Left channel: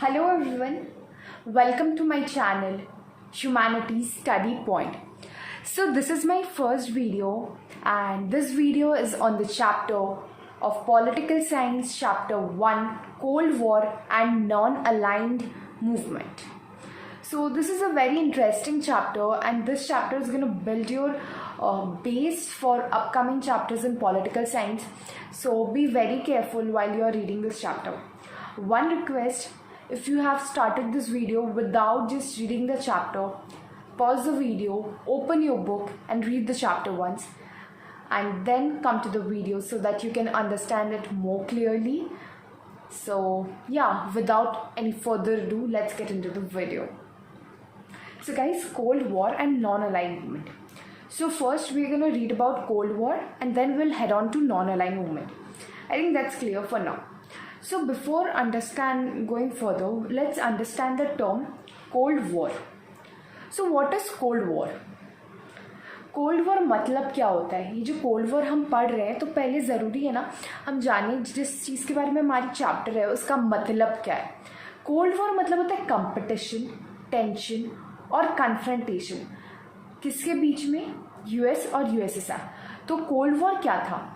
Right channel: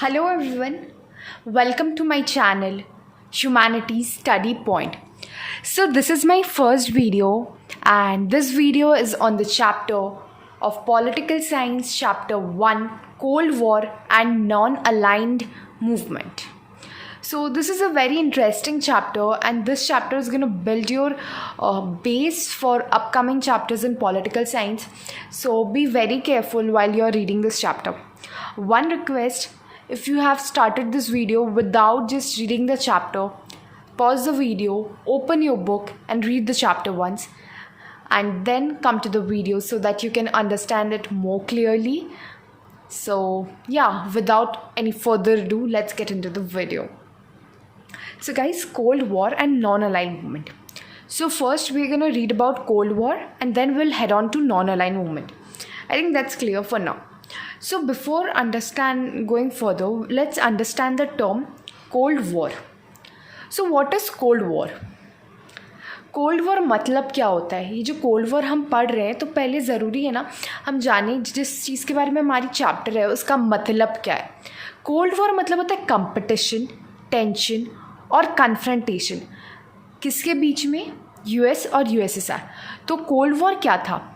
Hello everyone, welcome to my channel Humanities Study Point. So this is my first video and this video is on the chapter of Political Science chapter 1 Cold War and Non-Aligned Movement. So this is a very interesting chapter and this chapter is going to build your base for upcoming chapters in political science. So be very careful while you are reading this chapter. One request, if you have started this video without just reading the chapter, pause the video, open your book and read the chapter once and then come to the video so that you can understand it more clearly. So yeah, without any further ado, let's get into the video. So guys, Cold War and non-aligned movement. So first we're going to read about Cold War and then we'll head on to non-aligned movement. I think that's clear for now. So before going further, let's understand the term Cold War. So what is Cold War? Cold war मतलब क्या होता है? ये जो cold war हम पढ़ रहे हैं तो पहले ज़रूरी है ना हम जाने जिस चीज़ के बारे में हमारी चैप्टर है उसका मतलब क्या है. कोल्ड वॉर मतलब होता है कंपटीशन, टेंशन और कन्फ्रंटेशन. किसके बीच में? यूएस और यूएसएसआर. तो कोल्ड वॉर क्या था?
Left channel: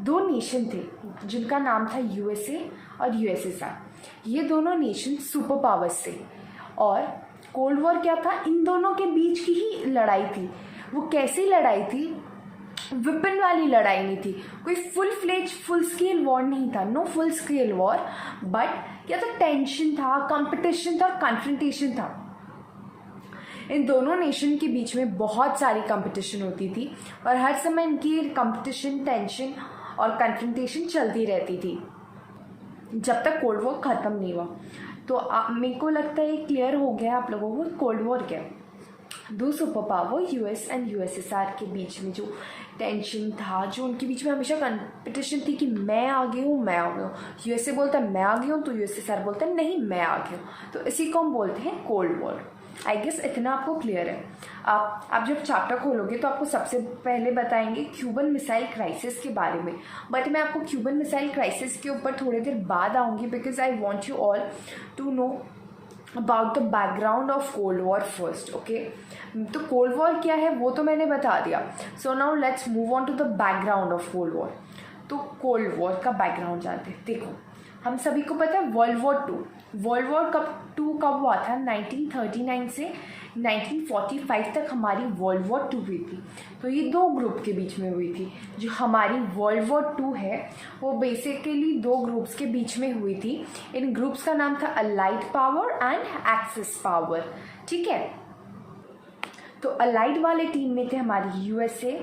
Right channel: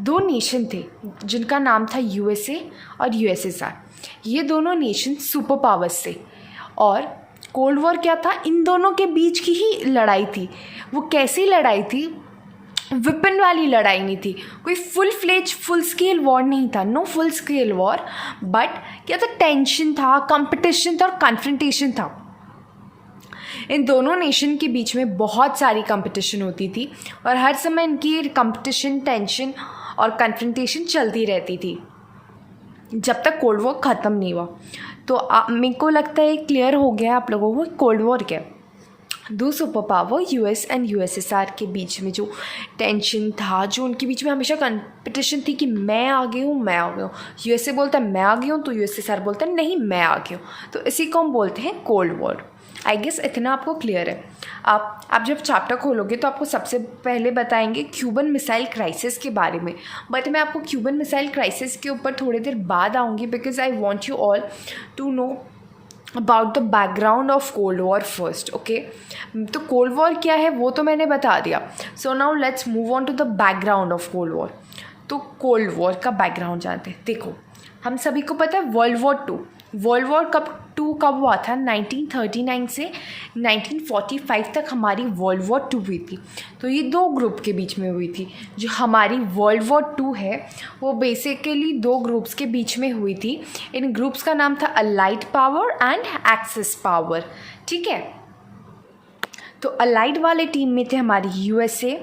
दो नेशन थे जिनका नाम था यूएसए और यूएसएसआर. ये दोनों नेशन सुपर पावर्स थे और कोल्ड वॉर क्या था? इन दोनों के बीच की ही लड़ाई थी. वो कैसी लड़ाई थी? वेपन वाली लड़ाई नहीं थी. कोई फुल स्केल वॉर नहीं था. No full scale war. But क्या था? टेंशन था, कंपटीशन था और कन्फ्रंटेशन था. इन दोनों नेशन के बीच में बहुत सारी कंपटीशन होती थी और हर समय इनकी कंपटीशन, टेंशन और कन्फ्रंटेशन चलती रहती थी जब तक कोल्ड वॉर ख़त्म नहीं हुआ. तो मेरे को लगता है क्लियर हो गया आप लोगों को कोल्ड वॉर क्या. दो super power US and USSR के बीच में जो टेंशन था, जो उनके बीच में हमेशा कंपटीशन थी कि मैं आगे हूँ, मैं आगे हूँ. यूएसए बोलता है मैं आगे हूँ तो यूएसएसआर बोलता है नहीं मैं आगे हूँ. तो इसी को हम बोलते हैं कोल्ड वॉर. आई गेस इतना आपको क्लियर है. आप जब चैप्टर खोलोगे तो आपको सबसे पहले बताएंगे क्यूबन मिसाइल क्राइसिस के बारे में. बट मैं आपको क्यूबन मिसाइल क्राइसिस के ऊपर थोड़ी देर बाद आऊँगी because I want you all to know about the background of cold war first. Okay, तो कोल्ड वॉर क्या है वो तो मैंने बता दिया. So now let's move on to the background of cold war. तो कोल्ड वॉर का बैकग्राउंड जानते हैं. देखो, हम सभी को पता है वर्ल्ड वॉर टू कब हुआ था? 1939 से 1945 तक हमारी वर्ल्ड वॉर 2 हुई थी. तो ये दो ग्रुप के बीच में हुई थी. जो हमारी वर्ल्ड वॉर 2 है वो बेसिकली दो ग्रुप्स के बीच में हुई थी. इन ग्रुप्स का नाम था allied power and axis power. ठीक है, तो अलाइड वाले टीम में थे हमारी USA,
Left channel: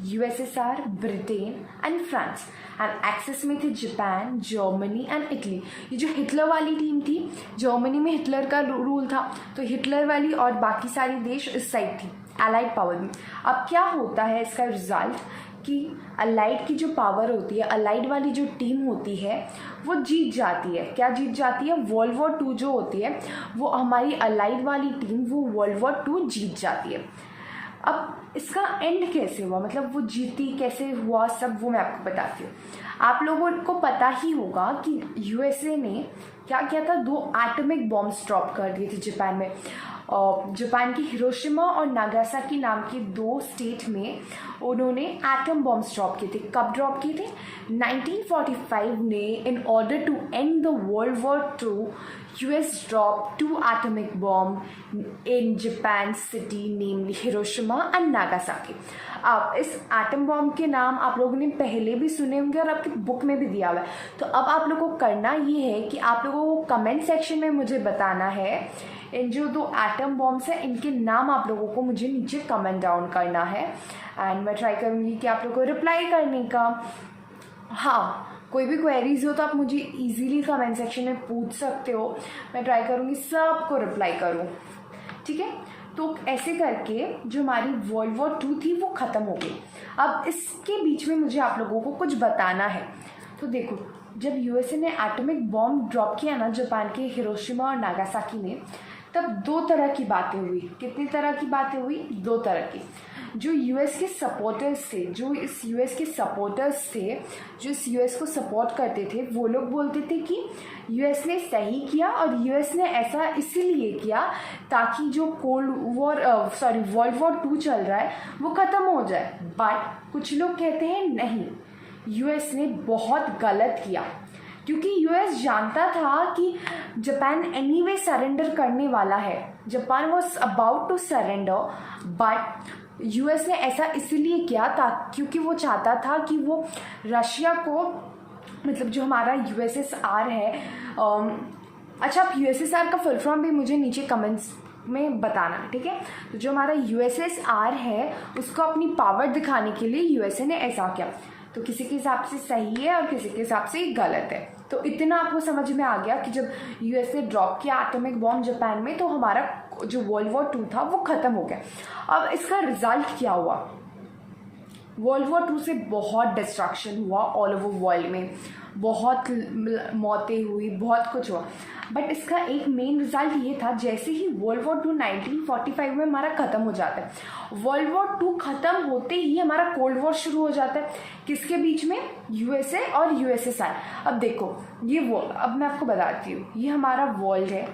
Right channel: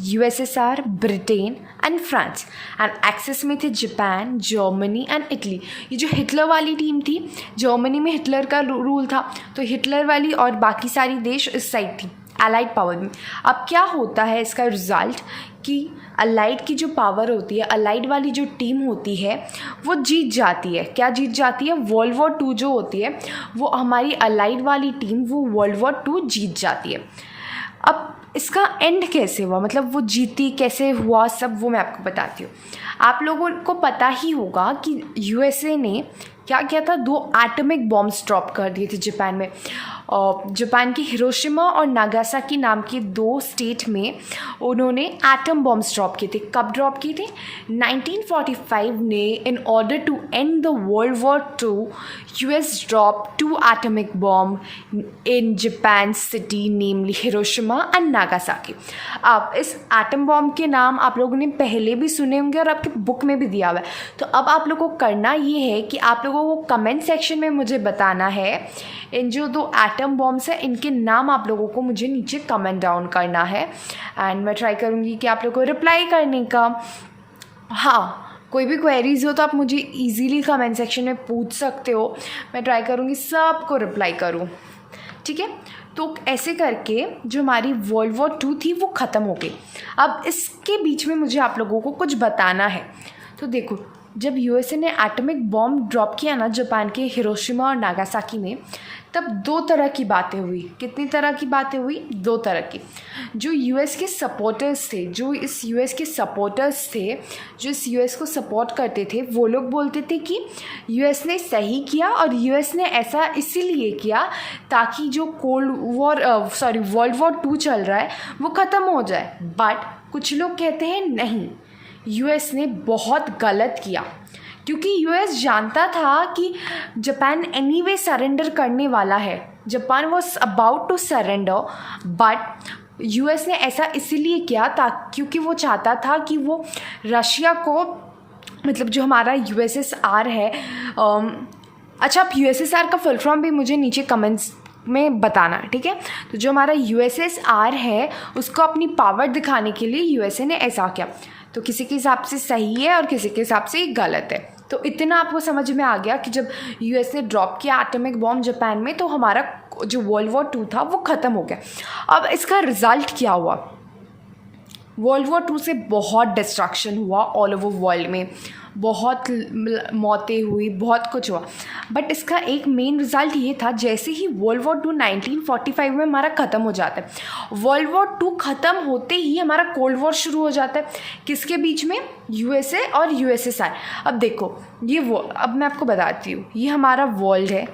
USSR, Britain and France. And axis में थे जापान, जर्मनी एंड इटली. ये जो हिटलर वाली टीम थी, जर्मनी में हिटलर का रूल था तो हिटलर वाली और बाकी सारी देश इस साइड थी अलाइड पावर में. अब क्या होता है इसका रिजल्ट कि अलाइड की जो पावर होती है, अलाइड वाली जो टीम होती है वो जीत जाती है. क्या जीत जाती है? वर्ल्ड वॉर 2 जो होती है वो हमारी अलाइड वाली टीम वो वर्ल्ड वॉर 2 जीत जाती है. अब इसका एंड कैसे हुआ, मतलब वो जीती कैसे हुआ, सब वो मैं आपको बताती हूँ. आप लोगों को पता ही होगा कि यूएसए ने क्या किया था? 2 एटॉमिक बॉम्ब्स ड्रॉप कर दिए थे जापान में. जापान की हिरोशिमा और नागासाकी नाम के 2 स्टेट में उन्होंने एटम बॉम्ब्स ड्रॉप किए थे. कब ड्रॉप किए थे? 1945 ने. In order to end the world war 2 US drop 2 atomic bomb in Japan city namely Hiroshima and Nagasaki. अब इस एटम बॉम्ब के नाम आप लोगों ने पहले भी सुने होंगे और आपकी बुक में भी दिया हुआ है. तो अब आप लोगों को करना ये है कि आप लोगों को कमेंट सेक्शन में मुझे बताना है इन जो 2 एटम बॉम्ब्स हैं इनके नाम आप लोगों को मुझे नीचे कमेंट डाउन करना है. एंड मैं ट्राई करूँगी कि आप लोगों को रिप्लाई करने का. हाँ, कोई भी क्वेरीज हो तो आप मुझे इजीली कमेंट सेक्शन में पूछ सकते हो. मैं ट्राई करूँगी सबको रिप्लाई करूँ. ठीक है, तो ऐसे करके जो हमारी वर्ल्ड वॉर 2 थी वो ख़त्म हो गई. अब इसके बीच में मुझे आप लोगों को कुछ बताना है. तो देखो, जब यूएसए ने एटॉमिक बॉम्ब ड्रॉप किया ना जापान के हिरोशिमा और नागासाकी में, तब दो तरह की बातें हुई। कितनी तरह की बातें हुई? दो तरह की। जो यूएस के सपोर्टर्स थे, जो इस यूएस को सपोर्ट करते थे, वो लोग बोलते थे कि यूएस ने सही किया और यूएस ने ऐसा इसीलिए किया ताकि जो वर्ल्ड वॉर 2 चल रहा है वो ख़त्म हो जाए। बट कुछ लोग कहते हैं नहीं, यूएस ने बहुत गलत किया, क्योंकि यूएस जानता था कि जापान एनीवे सरेंडर करने वाला है। Japan was about to surrender, but US ने ऐसा इसीलिए किया क्योंकि वो चाहता था कि वो रशिया को, मतलब जो हमारा यूएसएसआर है, अच्छा आप यूएसएसआर का फुल फॉर्म भी मुझे नीचे कमेंट्स में बताना, ठीक है। तो जो हमारा यूएसएसआर है उसको अपनी पावर दिखाने के लिए यूएसए ने ऐसा किया। तो किसी के हिसाब से सही है और किसी के हिसाब से गलत है। तो इतना आपको समझ में आ गया कि जब यूएस ने ड्रॉप किया एटॉमिक बॉम्ब जापान में, तो हमारा जो वर्ल्ड वॉर 2 था वो ख़त्म हो गया। अब इसका रिज़ल्ट क्या हुआ? वर्ल्ड वॉर 2 से बहुत डिस्ट्रक्शन हुआ ऑल ओवर वर्ल्ड में, बहुत मौतें हुई, बहुत कुछ हुआ। बट इसका एक मेन रिज़ल्ट ये था, जैसे ही वर्ल्ड वॉर 2 1945 में हमारा ख़त्म हो जाता है, वर्ल्ड वॉर 2 ख़त्म होते ही हमारा कोल्ड वॉर शुरू हो जाता है। किसके बीच में? यूएसए और यूएसएसआर। अब देखो अब मैं आपको बताती हूँ, ये हमारा वर्ल्ड है।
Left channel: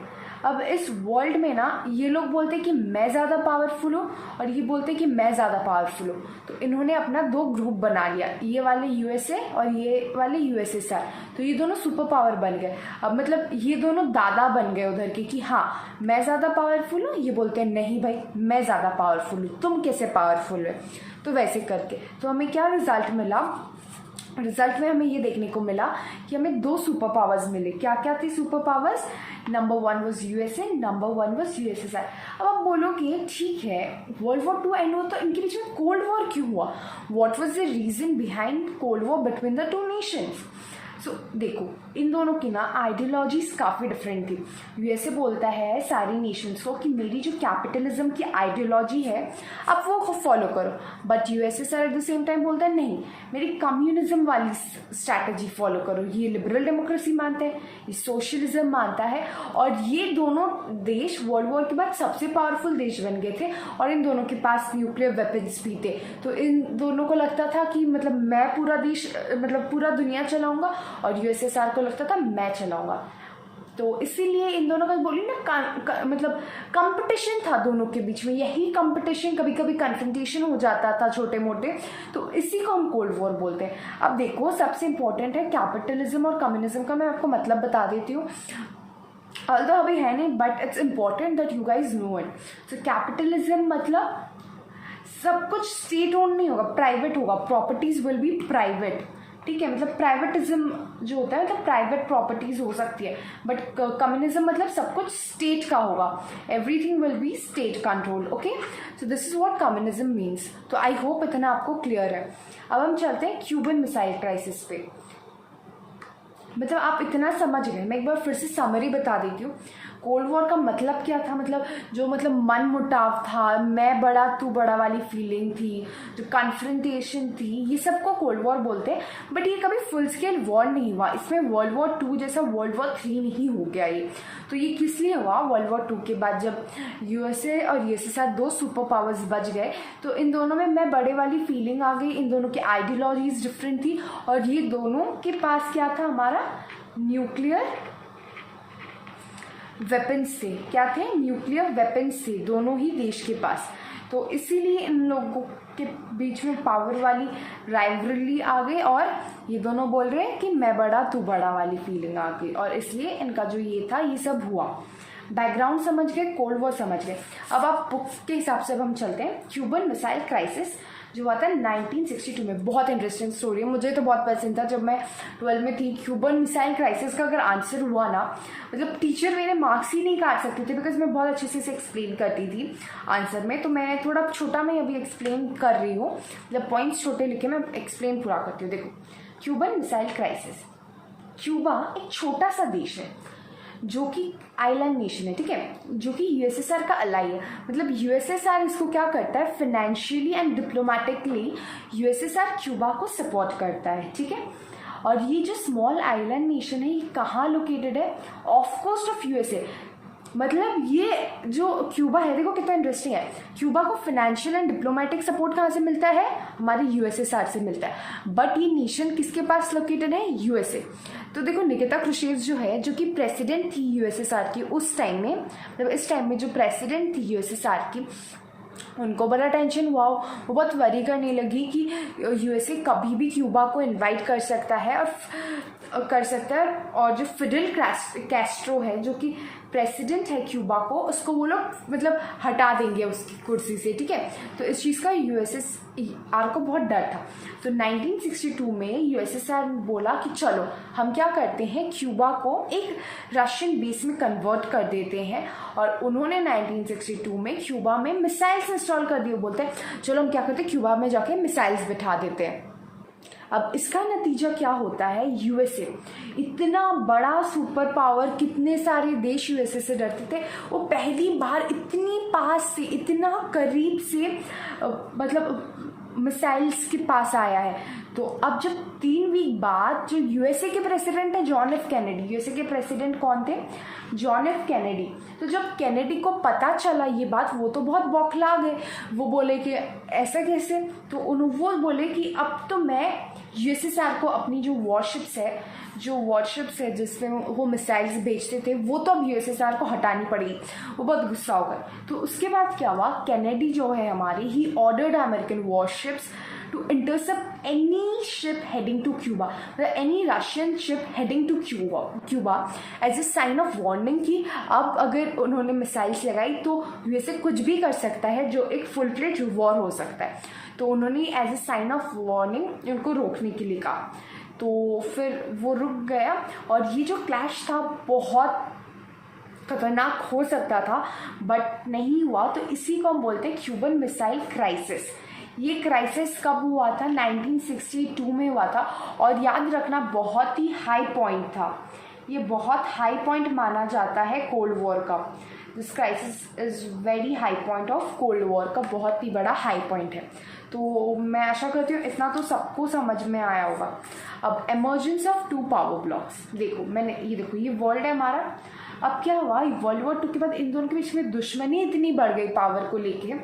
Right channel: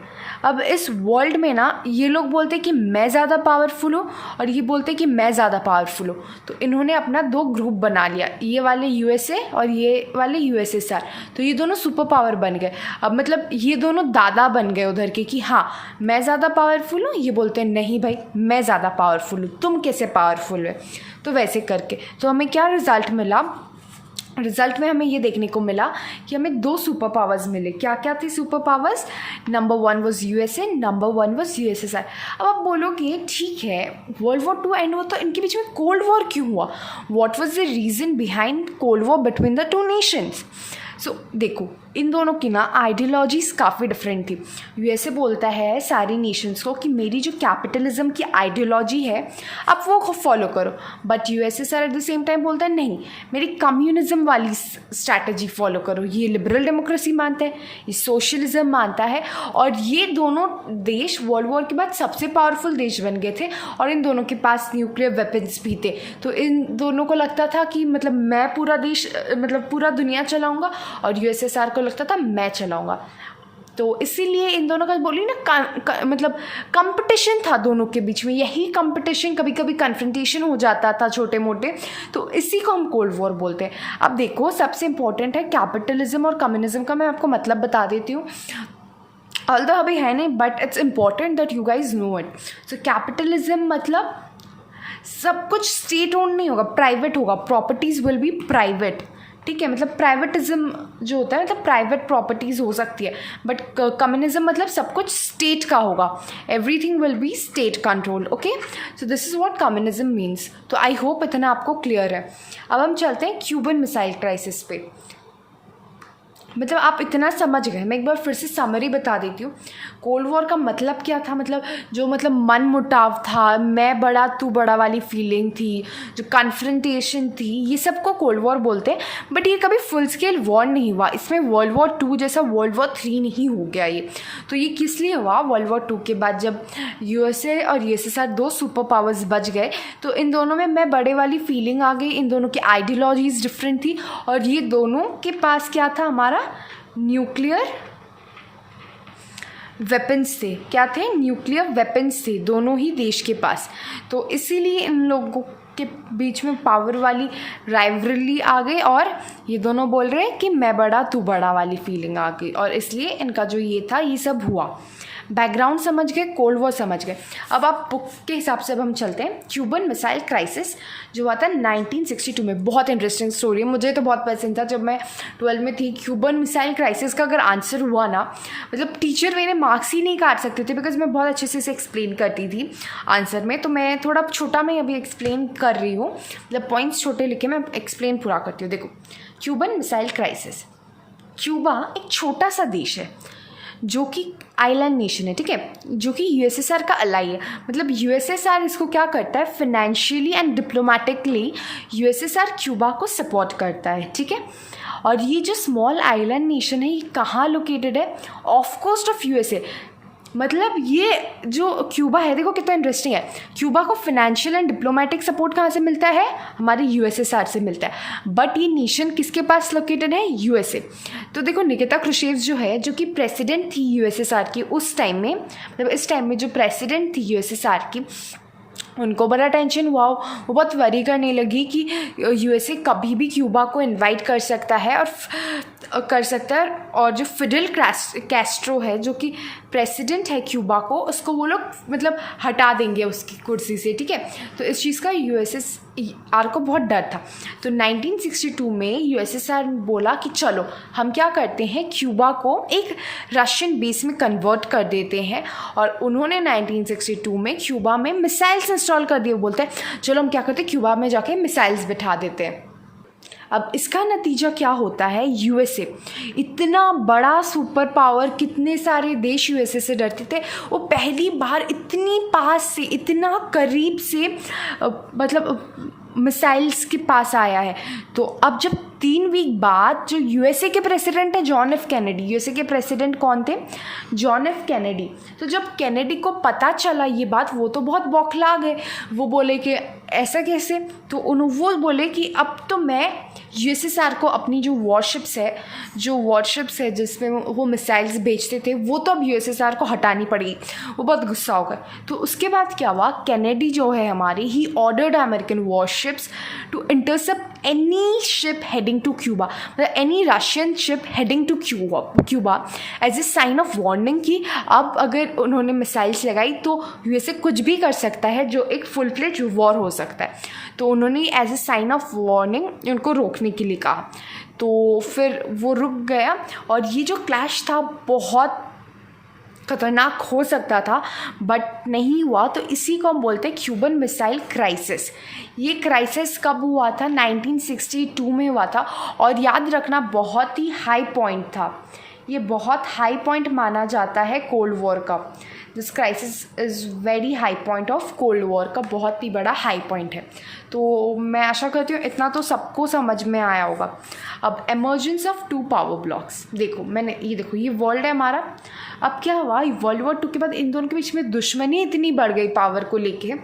अब इस वर्ल्ड में ना ये लोग बोलते हैं कि मैं ज़्यादा पावरफुल हूँ और ये बोलते हैं कि मैं ज़्यादा पावरफुल हूँ। तो इन्होंने अपना 2 ग्रुप बना लिया, ये वाले यूएसए और ये वाले यूएसएसआर। तो ये दोनों सुपर पावर बन गए। अब मतलब ये दोनों दादा बन गए उधर के कि हाँ मैं ज़्यादा पावरफुल हूँ, ये बोलते हैं नहीं भाई मैं ज़्यादा पावरफुल हूँ, तुम कैसे पावरफुल है। तो वैसे करके तो हमें क्या रिज़ल्ट मिला? रिज़ल्ट में हमें ये देखने को मिला कि हमें 2 सुपर पावर्स मिले। क्या क्या थे super powers? Number 1 was USA, number 1 was USSR. अब आप बोलोगे ठीक है वर्ल्ड वॉर 2 एंड हुआ तो इनके बीच में कोल्ड वॉर क्यों हुआ? What was the reason behind cold war between the 2 nations? So देखो इन दोनों की ना आइडियोलॉजीज़ काफ़ी डिफरेंट थी। यूएसए बोलता है सारी नेशंस को कि मेरी जो कैपिटलिज्म की आइडियोलॉजी है आप वो फॉलो करो, but USSR at the same time बोलता है नहीं मेरी कम्युनिज्म वाली स्ट्रैटेजी फॉलो करो। ये लिबरल डेमोक्रेसी मानता है, ये सोशलिज्म मानता है, और ये दोनों देश वर्ल्ड वॉर के बाद सबसे पावरफुल देश बन गए थे और इन दोनों के पास न्यूक्लियर वेपन्स भी थे। तो इन दोनों को लगता था कि मतलब मैं पूरा देश मतलब पूरा दुनिया चलाऊँगा और यूएसएसआर को लगता था मैं चलाऊंगा। तो इसीलिए इन दोनों का बोली ना मतलब कंपटीशन था दोनों के बीच में। यही कंपटीशन कभी कभी कन्फ्रंटेशन हो जाता था छोटे मोटे, तो इसी को हम कोल्ड वॉर बोलते हैं। अब देखो सबसे इंपॉर्टेंट है कैपिटलिज्म और कम्युनिज्म का, मैं आपको मतलब बता देती हूँ। ऑल्दो अभी है नहीं but it's important that you guys know it. So capitalism मतलब सब कुछ स्टेट ओन नहीं होगा, प्राइवेट होगा, प्रॉपर्टीज विल बी प्राइवेट, ठीक है। मतलब प्राइवेटिज्म जो होता है मतलब प्राइवेट प्रॉपर्टीज़ हो सकती है, बट कम्युनिज्म मतलब सब कुछ स्टेट का होगा, everything will be state control. Okay, so this is what communism means. तो आई होप इतना आपको क्लियर है। अब हम चलते हैं क्यूबन मिसाइल क्राइसिस पे। मतलब आप इतना समझ गए, मैं एक बार फिर से समरी बता देती हूँ। कोल्ड वॉर का मतलब क्या था? मतलब जो मतलब मन मुटाव था, मैं बड़ा तू बड़ा वाली फीलिंग थी, जो कन्फ्रंटेशन थी, ये सब को कोल्ड वॉर बोलते हैं। बट ये कभी फुल स्केल वॉर नहीं हुआ, इसमें वर्ल्ड वॉर 2 जैसा वर्ल्ड वॉर 3 नहीं हो गया ये। तो ये किस लिए हुआ? वर्ल्ड वॉर 2 के बाद जब यूएसए और यूएसएसआर 2 सुपर पावर्स बच गए, तो इन दोनों में मैं बड़े वाली फीलिंग आ गई, इन दोनों की आइडियोलॉजीज डिफरेंट थी, और ये दोनों के पास क्या था? हमारा न्यूक्लियर वेपन्स थे। क्या थे? न्यूक्लियर वेपन्स थे दोनों ही देश के पास। तो इसीलिए इन लोगों के बीच में पावर वाली राइवलरी आ गई, और ये दोनों बोल रहे हैं कि मैं बड़ा तू बड़ा वाली फीलिंग आ गई, और इसलिए इनका जो ये था ये सब हुआ। बैकग्राउंड समझ गए, कोल्ड वॉर समझ गए। अब आप बुक के हिसाब से अब हम चलते हैं। क्यूबन मिसाइल क्राइसिस जो हुआ था 1962 में, बहुत इंटरेस्टिंग स्टोरी है, मुझे तो बहुत पसंद था जब मैं 12 में थी। क्यूबन मिसाइल क्राइसिस का अगर आंसर हुआ ना, मतलब टीचर मेरे मार्क्स ही नहीं काट सकते थे, बिकॉज मैं बहुत अच्छे से इसे एक्सप्लेन करती थी आंसर में। तो मैं थोड़ा छोटा मैं अभी एक्सप्लेन कर रही हूँ, मतलब पॉइंट्स छोटे लिखे मैं एक्सप्लेन पूरा करती हूँ। देखो क्यूबन मिसाइल क्राइसिस, क्यूबा एक छोटा सा देश है जो कि आइलैंड नेशन है, ठीक है, जो कि यूएसएसआर का अलाई है। मतलब यूएसएसआर इसको क्या करता है? Financially and diplomatically USSR Cuba को सपोर्ट करता है, ठीक है। और ये जो स्मॉल आइलैंड नेशन है ये कहाँ लोकेटेड है? Off coast of USA. मतलब ये जो क्यूबा है, देखो कितना इंटरेस्टिंग है, क्यूबा को फाइनेंशियल एंड डिप्लोमेटिक सपोर्ट कहाँ से मिलता है? हमारे यूएसएसआर से मिलता है। बट ये नेशन किसके पास लोकेटेड है? यूएसए। तो देखो निकिता क्रुश्चेव जो है, जो कि प्रेसिडेंट थी यूएसएसआर की उस टाइम में, मतलब इस टाइम में जो प्रेसिडेंट थी यूएसएसआर की, उनको बड़ा टेंशन हुआ। वो बहुत वरी करने लगी कि यूएसए कभी भी क्यूबा को इनवाइट कर सकता है और जो फिडेल कैस्ट्रो है जो कि प्रेसिडेंट है क्यूबा को, उसको वो लोग मतलब हटा देंगे उसकी कुर्सी से, ठीक है। तो इस चीज़ का यूएसएसआर को बहुत डर था। तो 1962 में यूएसएसआर बोला कि चलो हम क्या करते हैं, क्यूबा को एक रशियन बेस में कन्वर्ट कर देते हैं। और उन्होंने 1962 में क्यूबा में मिसाइल्स इंस्टॉल कर दिए। बोलते हैं चलो हम क्या करते हैं, क्यूबा में जाके मिसाइल्स बिठा देते हैं। अब इसका नतीजा क्या होता है? यूएसए इतना बड़ा सुपर पावर, कितने सारे देश यूएसए से डरते थे, वो पहली बार इतनी पास से, इतना करीब से मतलब मिसाइल्स के पास आया है। तो अब जब 3 वीक बाद जो यूएसए के प्रेसिडेंट है जॉन एफ कैनेडी, यूएसए के प्रेसिडेंट कौन थे? John F Kennedy. तो जब कैनेडी को पता चला ये बात, वो तो बहुत बौखला गए। वो बोले कि ऐसा कैसे? तो वो बोले कि अब तो मैं यूएसएसआर को अपनी जो वॉरशिप्स है जिसमें वो मिसाइल्स बेचते थे, वो तो अब यूएसएसआर को हटानी पड़ेगी। वो बहुत गुस्सा हो गए। तो उसके बाद क्या हुआ, कैनेडी जो है हमारी, he ordered American warships to intercept any ship heading to Cuba, मतलब any Russian ship heading to Cuba as a sign of warning कि अब अगर उन्होंने मिसाइल्स लगाई तो यूएसए कुछ भी कर सकता है, जो एक फुल फ्लेज वॉर हो सकता है। तो उन्होंने as a sign of warning उनको रोकने के लिए कहा। तो फिर वो रुक गया और ये जो क्लैश था बहुत खतरनाक हो सकता था, बट नहीं हुआ। तो इसी को हम बोलते हैं क्यूबन मिसाइल क्राइसिस। ये क्राइसिस कब हुआ था? 1962 में हुआ था। और याद रखना बहुत ही हाई पॉइंट था, ये बहुत हाई पॉइंट माना जाता है कोल्ड वॉर का। This crisis is very high point of cold war का, बहुत ही बड़ा हाई पॉइंट है। तो मैं आशा करती हूँ इतना तो सबको समझ में आया होगा। अब एमर्जेंस ऑफ 2 पावर ब्लॉक्स, देखो ये वर्ल्ड है हमारा। अब क्या हुआ, वर्ल्ड वॉर 2 के बाद इन दोनों के बीच में दुश्मनी इतनी बढ़ गई पावर को लेके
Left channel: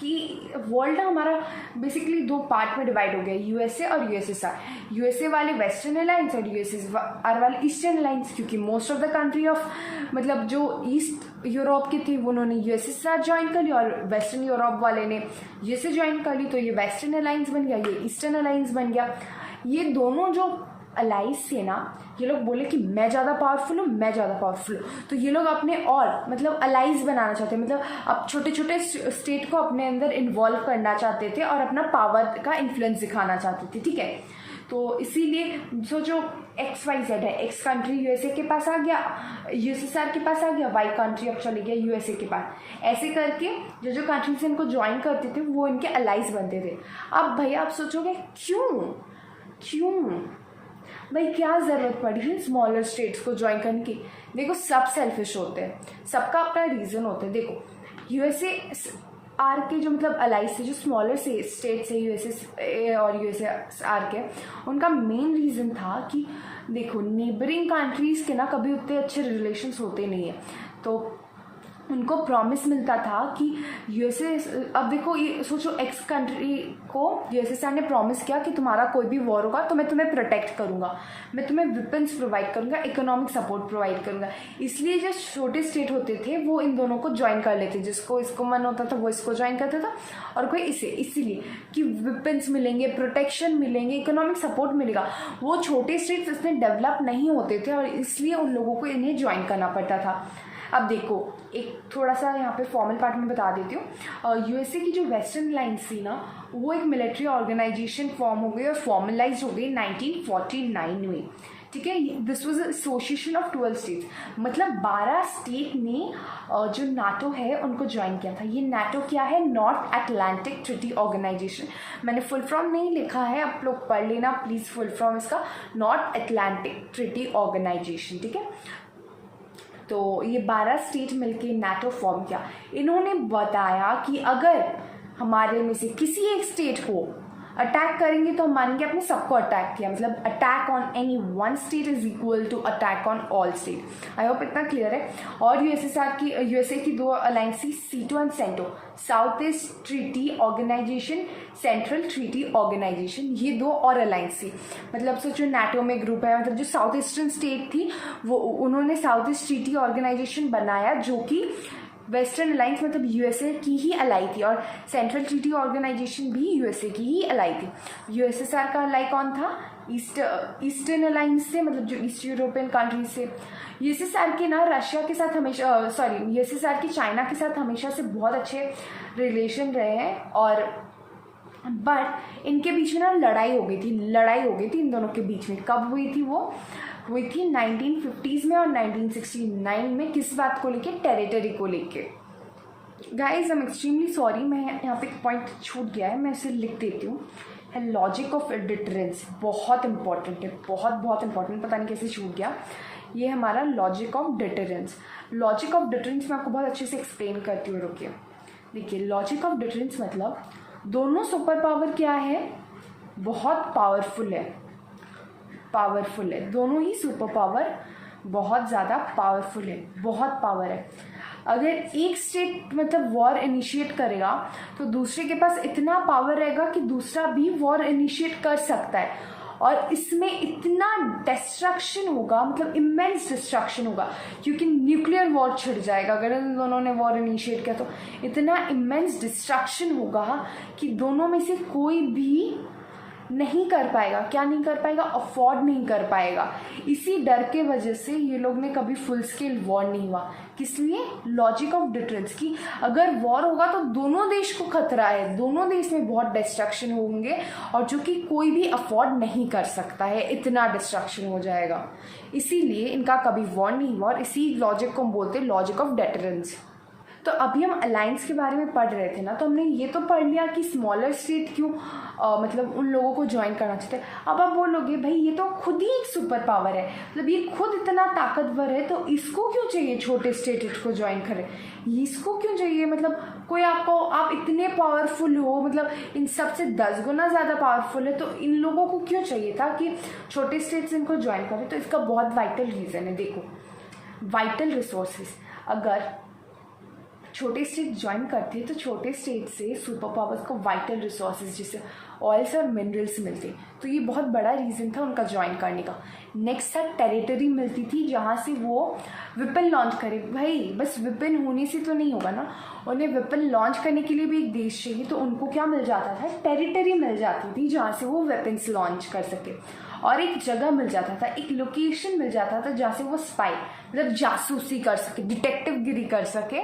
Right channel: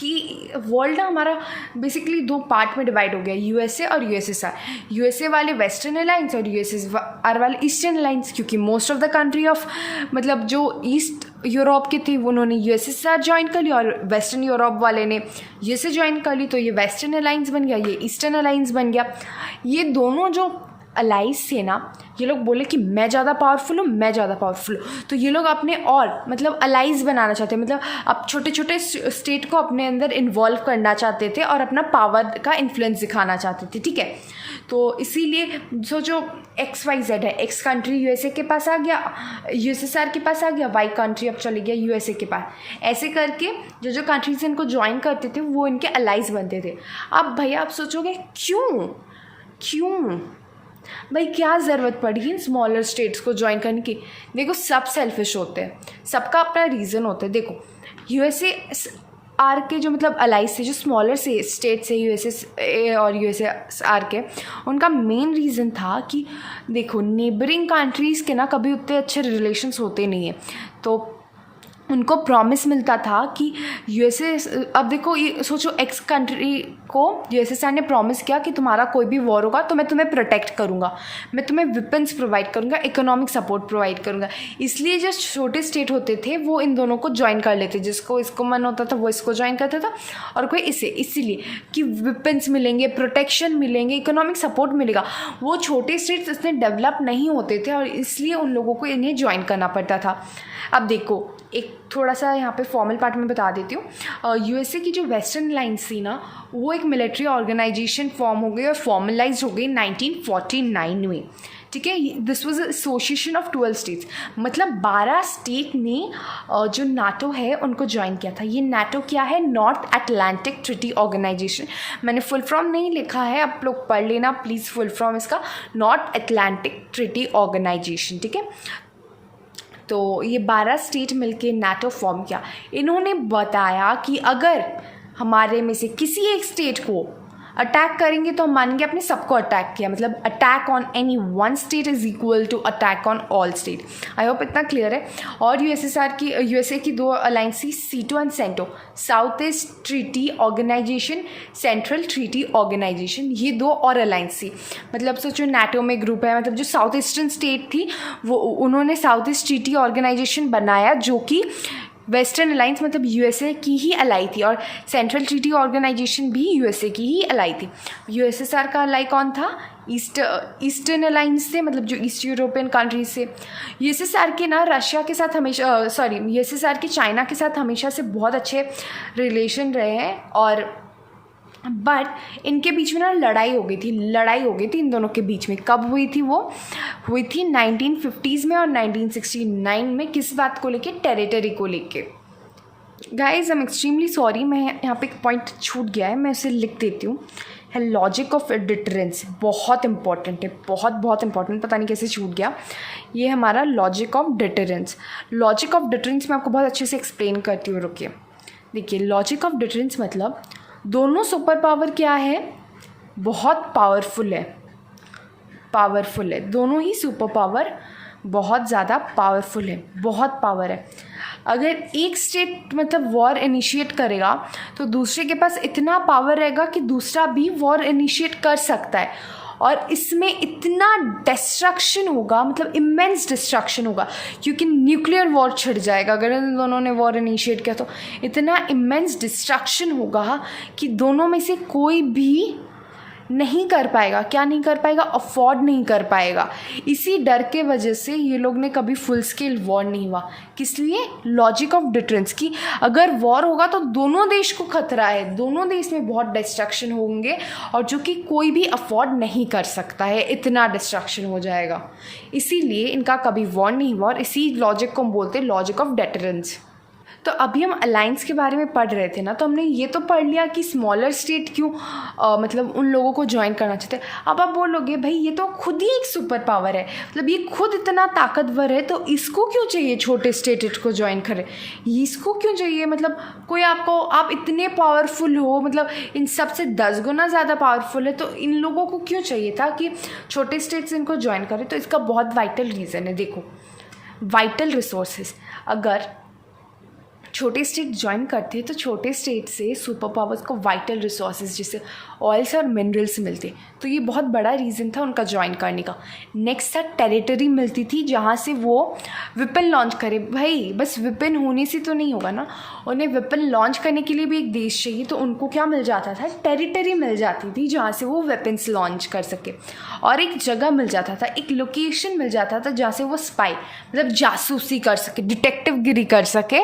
कि वर्ल्ड हमारा बेसिकली 2 पार्ट में डिवाइड हो गया, यूएसए और यूएसएसआर। यूएसए वाले वेस्टर्न अलायंस और यूएसएसआर वाले ईस्टर्न अलायंस, क्योंकि most of the country of मतलब जो ईस्ट यूरोप के थे उन्होंने यूएसएसआर ज्वाइन कर लिया, और वेस्टर्न यूरोप वाले ने यूएसए ज्वाइन कर ली। तो ये वेस्टर्न अलायंस बन गया, ये ईस्टर्न अलायंस बन गया। ये दोनों जो अलाइंस थे ना, ये लोग बोले कि मैं ज़्यादा पावरफुल हूँ, मैं ज़्यादा पावरफुल हूँ। तो ये लोग अपने और मतलब अलाइंस बनाना चाहते हैं, मतलब अब छोटे छोटे स्टेट को अपने अंदर इन्वॉल्व करना चाहते थे और अपना पावर का इन्फ्लुएंस दिखाना चाहते थे, ठीक है। तो इसीलिए जो XYZ है, एक्स कंट्री यूएसए के पास आ गया, यूएसएसआर के पास आ गया, वाई कंट्री अब चले गया यूएसए के पास। ऐसे करके जो कंट्रीज इनको ज्वाइन करते थे वो इनके अलाइंस बनते थे। अब भैया आप सोचोगे क्यों भाई क्या ज़रूरत पड़ी इन स्मॉलर स्टेट्स को ज्वाइन करने की? देखो सब सेल्फिश होते हैं, सबका अपना रीज़न होता है। देखो यूएसएसआर के जो मतलब अलाइंस थे, जो स्मॉलर से स्टेट्स है यूएसए और यूएसएसआर के, उनका मेन रीज़न था कि देखो नेबरिंग कंट्रीज़ के ना कभी उतने अच्छे रिलेशंस होते नहीं हैं। तो उनको प्रॉमिस मिलता था कि यूएसए, अब देखो ये सोचो, एक्स कंट्री को यूएसएसआर ने प्रॉमिस किया कि तुम्हारा कोई भी वॉर होगा तो मैं तुम्हें प्रोटेक्ट करूँगा, मैं तुम्हें वेपन्स प्रोवाइड करूँगा, इकोनॉमिक सपोर्ट प्रोवाइड करूँगा। इसलिए जो छोटे स्टेट होते थे वो इन दोनों को ज्वाइन कर लेते, जिसको इसको मन होता था वो इसको ज्वाइन करता था, और कोई इसे, इसीलिए कि वेपन्स मिलेंगे, प्रोटेक्शन मिलेंगे, इकोनॉमिक सपोर्ट मिलेगा। वो छोटे स्टेट्स इतने डेवलप नहीं होते थे और इसलिए उन लोगों को इन्हें ज्वाइन करना पड़ता था। अब देखो एक थोड़ा सा यहाँ पे फॉर्मल पार्ट में बता देती हूँ। यूएसए की जो वेस्टर्न लाइन्स थी ना, वो एक मिलिट्री ऑर्गेनाइजेशन फॉर्म हो गई और फॉर्मलाइज हो गई 1949 में, ठीक है। This was association of 12 states, मतलब 12 स्टेट ने जो नाटो है उनको ज्वाइन किया था। ये नाटो क्या है? North Atlantic Treaty Organization. मैंने फुल फॉर्म नहीं लिखा है, आप लोग पढ़ लेना प्लीज़ फुल फॉर्म इसका, नॉर्थ अटलांटिक ट्रीटी ऑर्गेनाइजेशन, ठीक है। तो ये 12 स्टेट मिलके नाटो फॉर्म किया। इन्होंने बताया कि अगर हमारे में से किसी एक स्टेट को अटैक करेंगे तो हम मानेंगे आपने सबको अटैक किया, मतलब attack on any one state is equal to attack on all state. I hope इतना क्लियर है। और यूएसए की दो अलायंस थी, SEATO and CENTO, South East Treaty Organization, Central Treaty Organization, ये दो और अलायंस थी। मतलब सोचो नाटो में ग्रुप है, मतलब जो साउथ ईस्टर्न स्टेट थी वो उन्होंने साउथ ईस्ट ट्रीटी ऑर्गेनाइजेशन बनाया जो कि वेस्टर्न अलायंस मतलब यूएसए की ही अलाई थी, और सेंट्रल ट्रीटी ऑर्गेनाइजेशन भी यूएसए की ही अलाई थी। यूएसएसआर का अलाई कौन था? ईस्टर्न अलायंस से, मतलब जो ईस्ट यूरोपियन कंट्रीज से। यूएसएसआर के ना रशिया के साथ हमेशा यूएसएसआर के चाइना के साथ हमेशा से बहुत अच्छे रिलेशन रहे हैं, और बट इनके बीच में ना लड़ाई हो गई थी इन दोनों के बीच में। कब हुई थी? वो हुई थी 1950s में और 1969 में। किस बात को लेके? टेरिटरी को लेके। Guys I am extremely sorry, मैं यहाँ पे एक पॉइंट छूट गया है, मैं उसे लिख देती हूँ। है लॉजिक ऑफ डिटरेंस, बहुत इंपॉर्टेंट है, बहुत इंपॉर्टेंट, पता नहीं कैसे छूट गया। ये हमारा logic of deterrence. Logic of deterrence मैं आपको बहुत अच्छे से एक्सप्लेन करती हूँ, रुकिए। देखिए लॉजिक ऑफ डिटरेंस मतलब दोनों सुपर पावर क्या है? बहुत पावरफुल है, दोनों ही सुपर पावर बहुत ज़्यादा पावरफुल है, बहुत पावर है। अगर एक स्टेट मतलब वॉर इनिशिएट करेगा तो दूसरे के पास इतना पावर रहेगा कि दूसरा भी वॉर इनिशिएट कर सकता है, और इसमें इतना डिस्ट्रक्शन होगा, मतलब इमेंस डिस्ट्रक्शन होगा, क्योंकि न्यूक्लियर वॉर छिड़ जाएगा अगर इन दोनों ने वॉर इनिशिएट किया। तो इतना इमेंस डिस्ट्रक्शन होगा कि दोनों में से कोई भी नहीं कर पाएगा। क्या नहीं कर पाएगा? अफोर्ड नहीं कर पाएगा। इसी डर के वजह से ये लोग ने कभी फुल स्केल वॉर नहीं हुआ। किस लिए? लॉजिक ऑफ डिटरेंस की अगर वॉर होगा तो दोनों देश को खतरा है, दोनों देश में बहुत डिस्ट्रक्शन होंगे, और जो कि कोई भी अफोर्ड नहीं कर सकता है, इतना डिस्ट्रक्शन हो जाएगा। इसीलिए इनका कभी वॉर नहीं हुआ, और इसी लॉजिक को हम बोलते हैं लॉजिक ऑफ डिटरेंस। तो अभी हम अलायंस के बारे में पढ़ रहे थे ना, तो हमने ये तो पढ़ लिया कि स्मॉलर स्टेट क्यों मतलब उन लोगों को ज्वाइन करना चाहते हैं। अब आप बोलोगे भाई ये तो खुद ही एक सुपर पावर है, मतलब ये खुद इतना ताकतवर है, तो इसको क्यों चाहिए छोटे स्टेट को ज्वाइन करें? इसको क्यों चाहिए? मतलब कोई आपको, आप इतने पावरफुल हो, मतलब इन सबसे 10 गुना ज़्यादा पावरफुल है, तो इन लोगों को क्यों चाहिए था कि छोटे स्टेट्स इनको ज्वाइन करें? तो इसका बहुत वाइटल रीज़न है। देखो वाइटल रिसोर्सेज, अगर छोटे स्टेट ज्वाइन करते हैं तो छोटे स्टेट से सुपर पावर्स को वाइटल रिसोर्सेज जैसे ऑयल्स और मिनरल्स मिलते, तो ये बहुत बड़ा रीज़न था उनका ज्वाइन करने का। नेक्स्ट था टेरिटरी मिलती थी जहाँ से वो वेपन लॉन्च करे। भाई बस वेपन होने से तो नहीं होगा ना, उन्हें वेपन लॉन्च करने के लिए भी एक देश चाहिए, तो उनको क्या मिल जाता था? टेरिटरी मिल जाती थी जहाँ से वो वेपन्स लॉन्च कर सके, और एक जगह मिल जाता था, एक लोकेशन मिल जाता था जहाँ से वो स्पाई मतलब जासूसी कर सके, डिटेक्टिव गिरी कर सके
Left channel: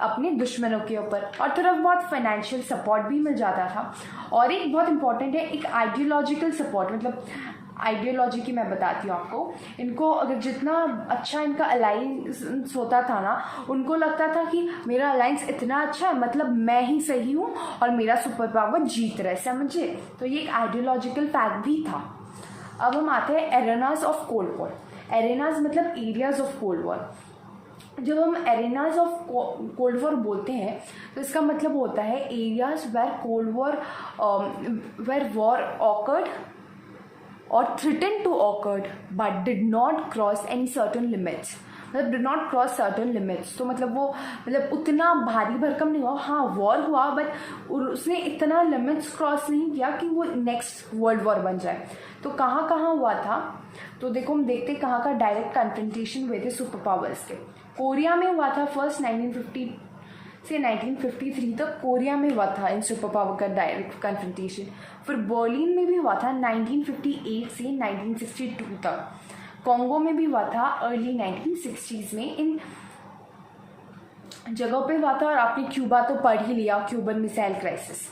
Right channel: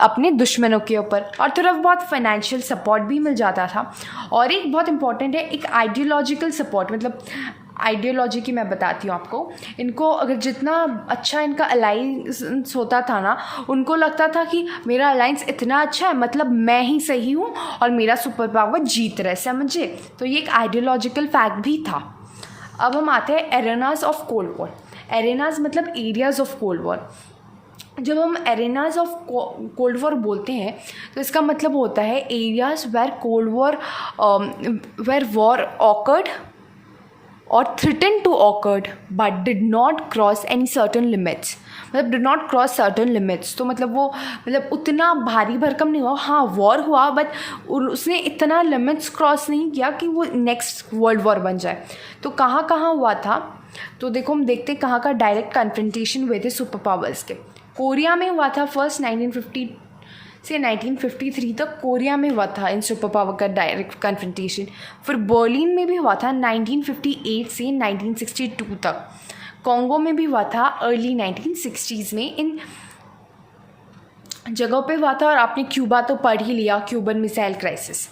अपने दुश्मनों के ऊपर, और थोड़ा बहुत फाइनेंशियल सपोर्ट भी मिल जाता था। और एक बहुत इंपॉर्टेंट है एक आइडियोलॉजिकल सपोर्ट, मतलब आइडियोलॉजी की मैं बताती हूँ आपको। इनको अगर जितना अच्छा इनका अलायंस होता था ना, उनको लगता था कि मेरा अलायंस इतना अच्छा है, मतलब मैं ही सही हूँ और मेरा सुपर पावर जीत रहा है, समझे? तो ये एक आइडियोलॉजिकल फैक्ट भी था। अब हम आते हैं एरेनाज ऑफ कोल्ड वॉर। एरेनाज मतलब एरियाज ऑफ कोल्ड वॉर। जब हम एरेनाज ऑफ कोल्ड वॉर बोलते हैं तो इसका मतलब होता है एरियाज वेर वॉर ऑकर्ड और threaten to occurred but did not cross any certain limits, मतलब did not cross certain limits. तो मतलब वो मतलब उतना भारी भरकम नहीं हुआ, हाँ वॉर हुआ बट उसने इतना लिमिट्स क्रॉस नहीं किया कि वो नेक्स्ट वर्ल्ड वॉर बन जाए। तो कहाँ कहाँ हुआ था? तो देखो हम देखते हैं कहाँ का डायरेक्ट कन्फ्रंटेशन हुए थे सुपर पावर्स के। कोरिया में हुआ था फर्स्ट 1950 से 1953 तक कोरिया में हुआ था इन सुपर पावर का डायरेक्ट कन्फ्रंटेशन। फिर बर्लिन में भी हुआ था 1958 से 1962 तक। कॉन्गो में भी हुआ था अर्ली 1960s में, इन जगहों पे हुआ था। और आपने क्यूबा तो पढ़ ही लिया, क्यूबन मिसाइल क्राइसिस।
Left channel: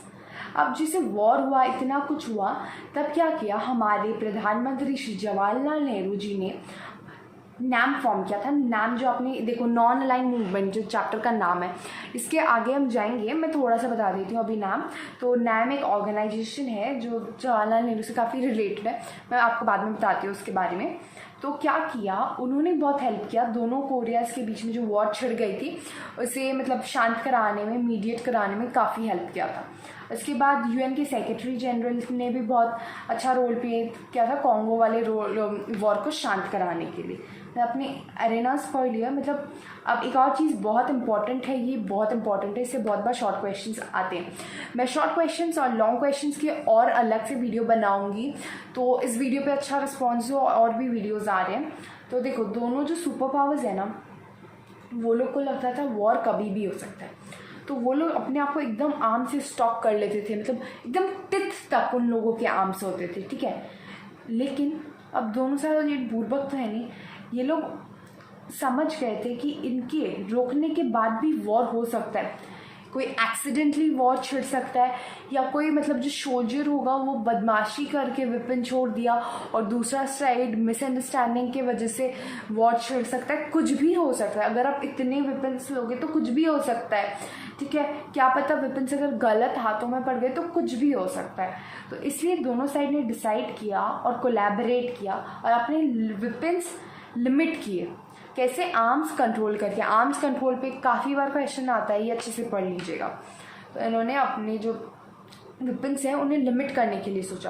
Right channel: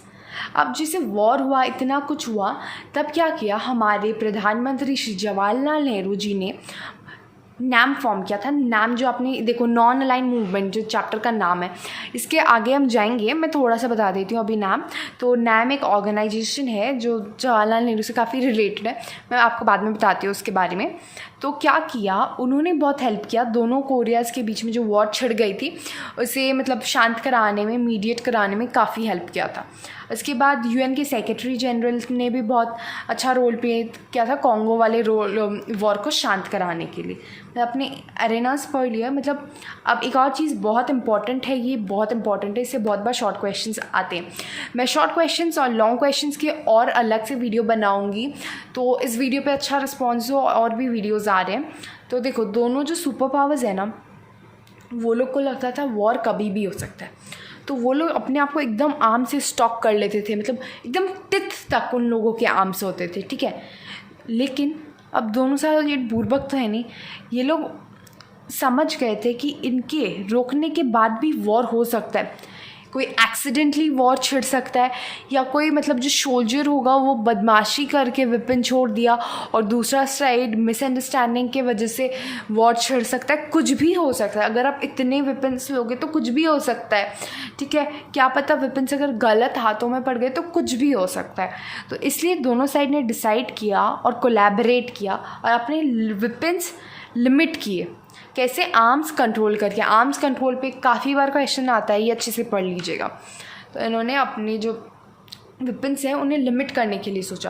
अब जैसे वॉर हुआ, इतना कुछ हुआ, तब क्या किया हमारे प्रधानमंत्री श्री जवाहरलाल नेहरू जी ने नैम फॉर्म किया था। नैम जो आपने देखो नॉन अलाइन मूवमेंट जो चैप्टर का नाम है, इसके आगे हम जाएंगे, मैं थोड़ा सा बता देती हूँ अभी नैम। तो नैम एक ऑर्गेनाइजेशन है जो जवाहरलाल नेहरू से काफ़ी रिलेटेड है, मैं आपको बाद में बताती हूँ उसके बारे में। तो क्या किया उन्होंने, बहुत हेल्प किया दोनों कोरियाज़ के बीच में जो वॉर छिड़ गई थी उसे मतलब शांत कराने में, मीडिएट कराने में काफ़ी हेल्प किया था। इसके बाद यूएन के सेक्रेटरी जनरल ने भी बहुत अच्छा रोल प्ले किया था कॉन्गो वाले वॉर को शांत कराने के लिए। मैं अपने एरेनास पढ़ लिया। मतलब अब एक और चीज़ बहुत इंपॉर्टेंट है, ये बहुत इंपॉर्टेंट है, इससे बहुत बार शॉर्ट क्वेश्चंस आते हैं। मैं शॉर्ट क्वेश्चंस और लॉन्ग क्वेश्चंस के और अलग से वीडियो बनाऊंगी, तो इस वीडियो पे अच्छा रिस्पॉन्स हो, और भी वीडियोज़ आ रहे हैं। तो देखो, दोनों जो सुपर पावर्स है ना, वो लोग को लगता था वॉर कभी भी हो सकता है, तो वो लोग अपने आप को एकदम आर्म से स्टॉक कर लेते थे, मतलब एकदम टिथ तक उन लोगों के आर्म्स होते थे, ठीक है। लेकिन अब दोनों साइड ये बुर्बक तो है नहीं, ये लोग समझ गए थे कि इनके रोकने के बाद भी वॉर हो सकता है, कोई एक्सीडेंटली वॉर छिड़ सकता है, या कोई मतलब जो सोल्जर होगा वो बदमाशी करके वेपन छोड़ दिया और दूसरा साइड मिसअंडरस्टैंडिंग के वजह से वॉर छिड़ सकता है, कुछ भी हो सकता है। अगर आप इतने वेपन्स लोगे तो कुछ भी हो सकता है, ठीक है। क्या पता वेपन्स अगर गलत हाथों में पड़ गए तो कुछ भी हो सकता है। तो इसलिए दोनों साइड ने डिसाइड किया और कोलैबोरेट किया और अपने वेपन्स लिमिट किए। कैसे? आर्म्स कंट्रोल करके। आर्म्स कंट्रोल पे काफ़ी बार क्वेश्चन आता है, ये अच्छे से पढ़ लीजिएगा। तो इन्होंने अपने जो वेपन्स हैं उन्हें लिमिट करने के लिए सोचा।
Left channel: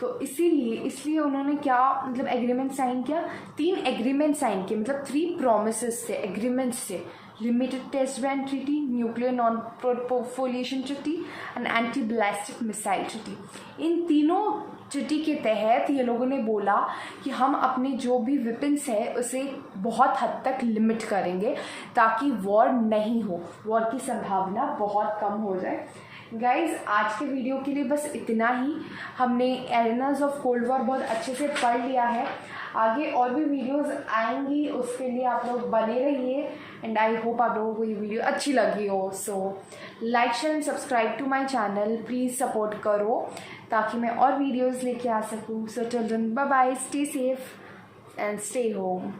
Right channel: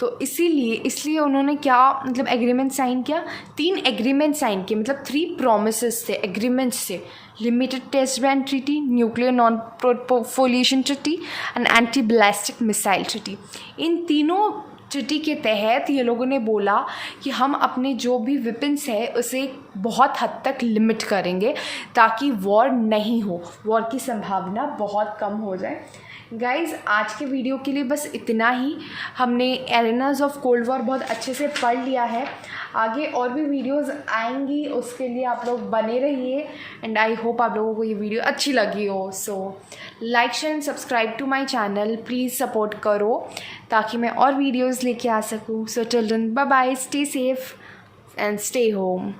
तो इसलिए उन्होंने क्या मतलब एग्रीमेंट साइन किया, 3 एग्रीमेंट साइन किए, मतलब 3 प्रॉमिसेस थे, एग्रीमेंट्स थे। Limited test ban treaty, nuclear non proliferation treaty and anti ballistic missile treaty. इन तीनों ट्रीटी के तहत ये लोगों ने बोला कि हम अपने जो भी वेपन्स है उसे बहुत हद तक लिमिट करेंगे ताकि वॉर नहीं हो, वॉर की संभावना बहुत कम हो जाए। गाइज़, आज के वीडियो के लिए बस इतना ही। हमने एरेनास ऑफ कोल्ड वॉर बहुत अच्छे से पढ़ लिया है। आगे और भी वीडियोस आएंगी, उसके लिए आप लोग बने रहिए एंड आई होप आप लोगों को ये वीडियो अच्छी लगी हो। So like share and subscribe to my channel, please support करो ताकि मैं और वीडियोस लेके आ सकूँ। So till then, bye bye, stay safe and stay home.